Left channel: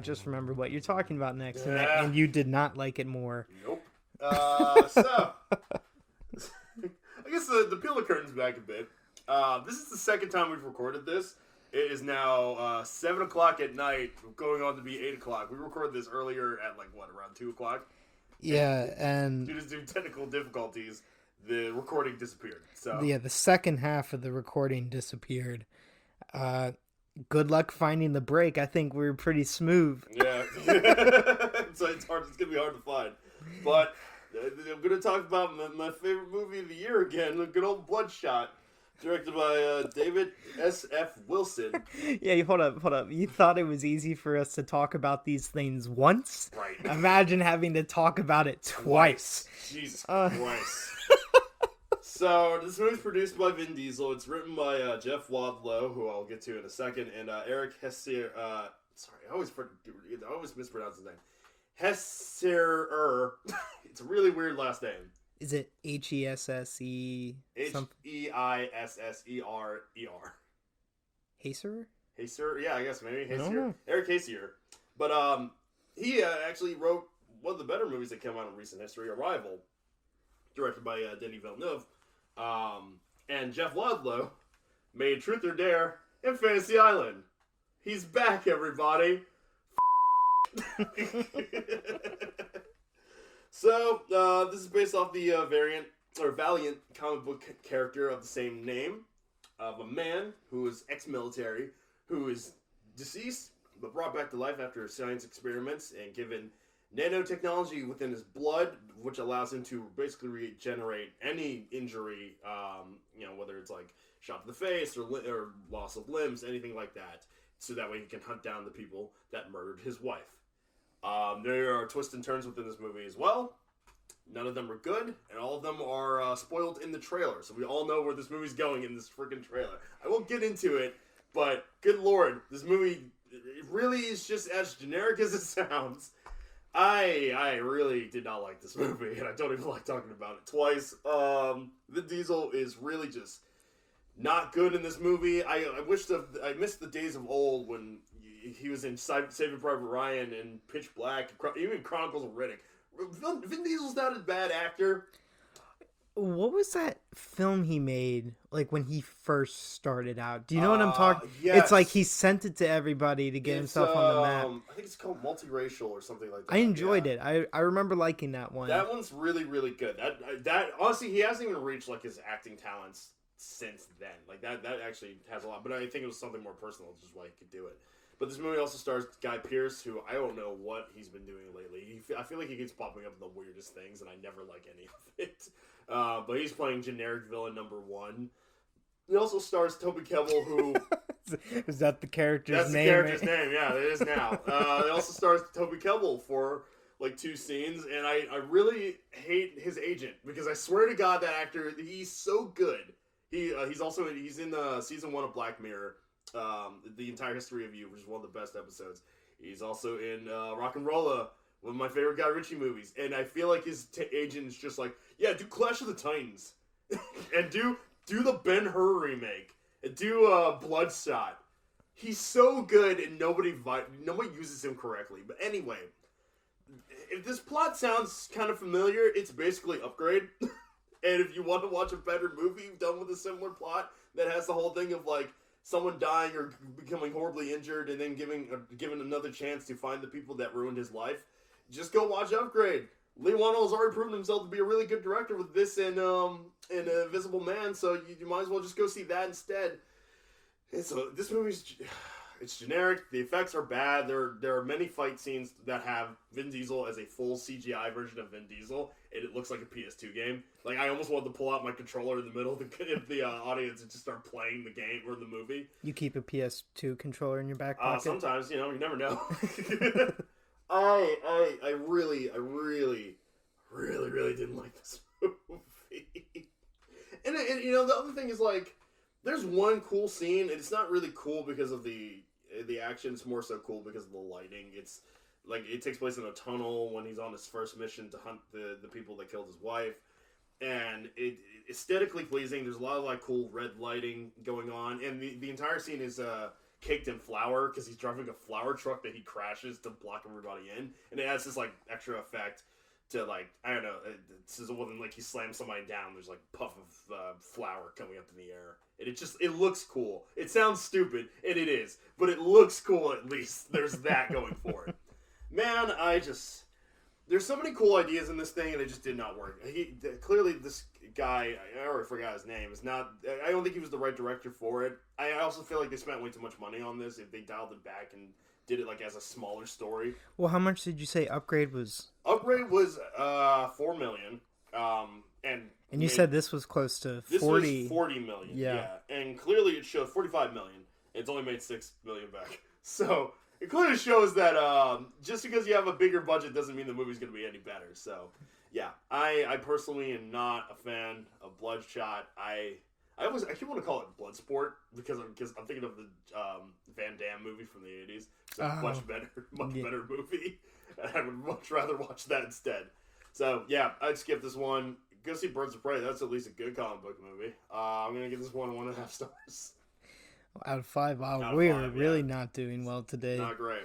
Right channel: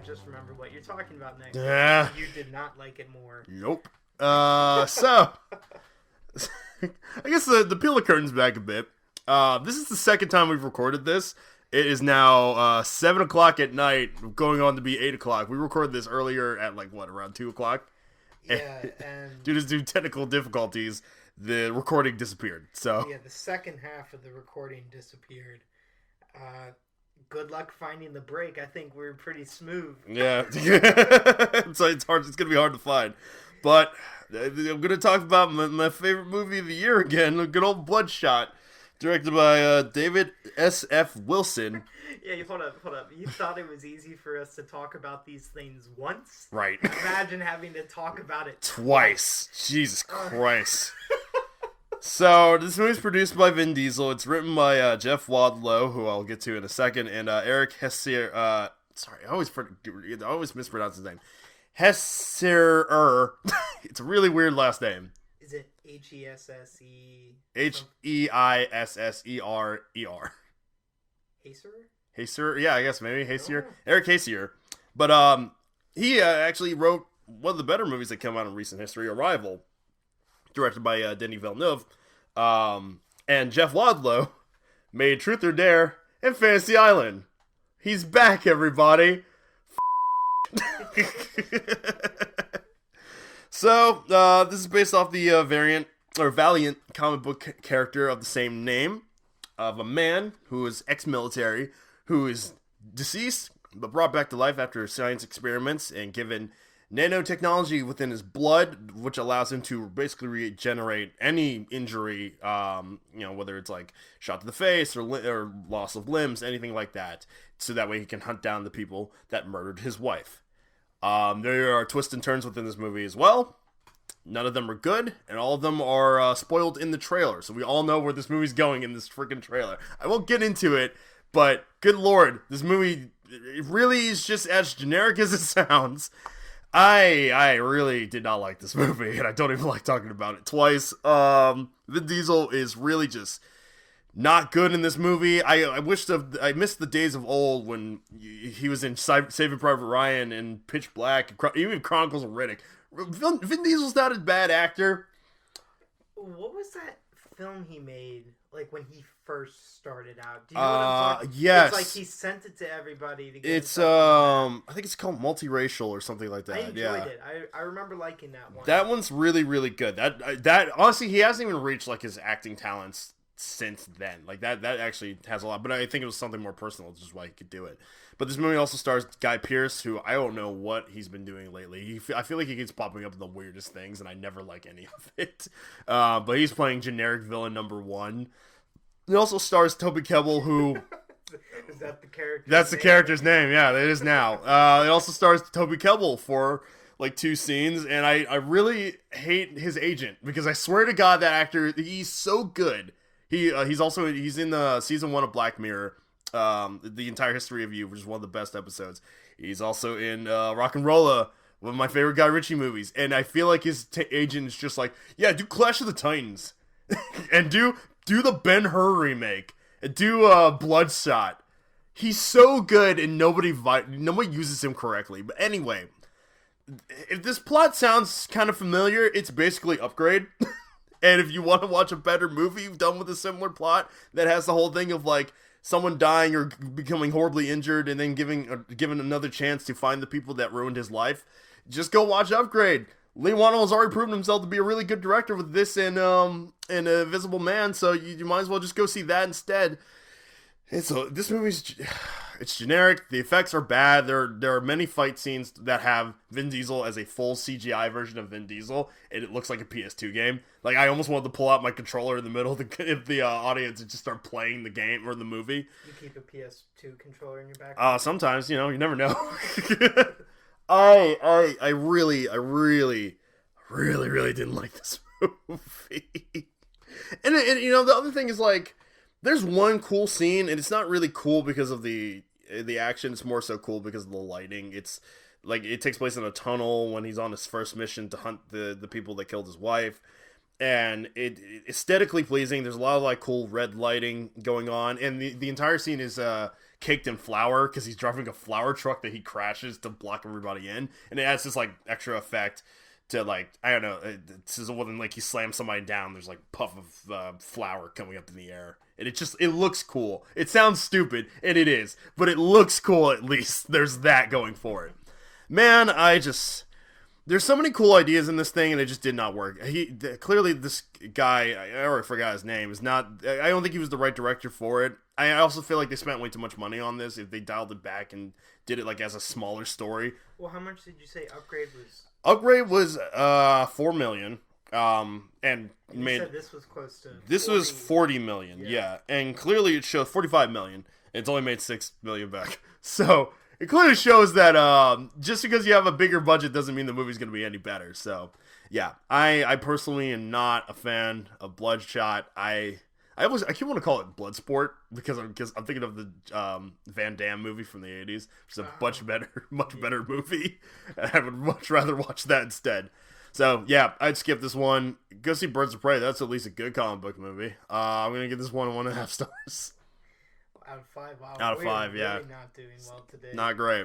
I just remember what you're talking about next. Yeah. You did not like it more. Nope. So I guess the peel the curtains back a bit. This is the second time we've recorded this. It is now 7 o'clock at night, going on to be 8 o'clock. We recorded this earlier at around 2 o'clock? Yeah, and due to technical difficulties, the recording disappeared. So yeah, the second half of the recording disappeared. Good luck finding the break. I think we were pretty smooth. Yeah. So it's hard. It's gonna be hard to find. But I'm gonna talk about my favorite movie of the year again, a good old Bloodshot. Directed by David S.F. Wilson. Yeah, hold up. You thought it was easy for us to talk about these things once? Right. Imagine having to talk about it twice. Jesus Christ. So, this movie's produced by Vin Diesel. It's written by Jeff Wadlow, who I'll get to in a second, and Erik Hessier. Sorry, I always mispronounce his name. Hessier. It's a really weird last name. Is it Hesse? Heisserer. Haser? Haser? Yeah, I guess maybe Hessier. Erik Hessier. But he actually wrote one of the better movies that came out in recent history, Arrival, directed by Denis Villeneuve. And Jeff Wadlow made Truth or Dare and Fantasy Island. He's back, everybody. So, this is based off the Valiant comic book character of the same name, of a man who is ex-military, who is deceased, but brought back to life after science experiments and given nanotechnology within his blood, which allows him to basically regenerate any injury, whether it's shot to the face or loss of limbs, anything like that, so that way he can hunt down the people that murdered his wife. There are twists and turns within this movie as well. None of them are good, and all of them are spoiled in the trailer. So we all know where this movie's going in this freaking trailer. I won't get into it, but good lord, this movie, it really is just as generic as it sounds. I really did not like this movie, and I don't even like talking about it twice. Vin Diesel is really just not good in this movie. I missed the days of old when he was in Saving Private Ryan and Pitch Black, even Chronicles of Riddick. Vin Diesel's not a bad actor. What was that film he made, when he first started out? Do you know what I'm talking? Yes. It's he sent it to everybody to get. It's I think it's called Multiracial or something like that. I enjoyed it. I remember liking that one. That one's really, really good. That honestly, he hasn't even reached his acting talents since then. That actually has a lot, but I think it was something more personal, which is why he could do it. But this movie also stars Guy Pearce, who I don't know what he's been doing lately. I feel like he keeps popping up in the weirdest things, and I never like any of it. But he's playing generic villain number one. It also stars Toby Kebbell, who... Is that the character's That's name? the character's name, yeah, it is now. It also stars Toby Kebbell for 2 scenes, and I really hate his agent, because I swear to God, that actor, he's so good. He's in the season 1 of Black Mirror, The Entire History of You, which is one of the best episodes. He's also in Rock and Rolla, one of my favorite Guy Ritchie movies, and I feel like his agent is just do Clash of the Titans, and do the Ben-Hur remake, and do Bloodshot. He's so good, and nobody uses him correctly. But anyway, if this plot sounds kind of familiar, it's basically Upgrade. And if you want to watch a better movie done with a similar plot that has the whole thing of someone dying or becoming horribly injured and then given another chance to find the people that ruined his life, just go watch Upgrade. Lee Wannell has already proven himself to be a really good director with this and Invisible Man, so you might as well just go see that instead. This movie's... It's generic. The effects are bad. There are many fight scenes that have Vin Diesel as a full CGI version of Vin Diesel, and it looks like a PS2 game. I almost wanted to pull out my controller in the middle of the audience and just start playing the game or the movie. You keep a PS2 controller in your back pocket? Sometimes, you never know. I really didn't like this movie. And the other thing is there's one cool scene, and it's not really cool because of the action. It's more so cool because of the lighting. It's it takes place in a tunnel when he's on his first mission to hunt the people that killed his wife, and it's aesthetically pleasing. There's a lot of cool red lighting going on, and the entire scene is caked in flour because he's driving a flour truck that he crashes to block everybody in, and it adds this like extra effect to like, I don't know, it's when like he slams somebody down, there's like puff of flour coming up in the air, and it looks cool. It sounds stupid, and it is, but it looks cool. At least there's that going for it. Man, there's so many cool ideas in this thing, and it just did not work. Clearly this guy, I already forgot his name, is not. I don't think he was the right director for it. I also feel like they spent way too much money on this. If they dialed it back and did it like as a smaller story. Well, how much did you say Upgrade was? Upgrade was $4 million. And you said this was close to 40. This was $40 million. Yeah. And clearly it showed $45 million. It's only made $6 million back. So it clearly shows that just because you have a bigger budget doesn't mean the movie's going to be any better. So yeah, I personally am not a fan of Bloodshot. I keep want to call it Bloodsport because I'm thinking of the Van Damme movie from the 80s. It's a much better movie. And I would much rather watch that instead. So yeah, I'd skip this one. Go see Birds of Prey. That's at least a good comic book movie. I'm gonna give this one 1.5 stars. Out of 5. Wow, out of we're 5, yeah. really not doing well today. Not great.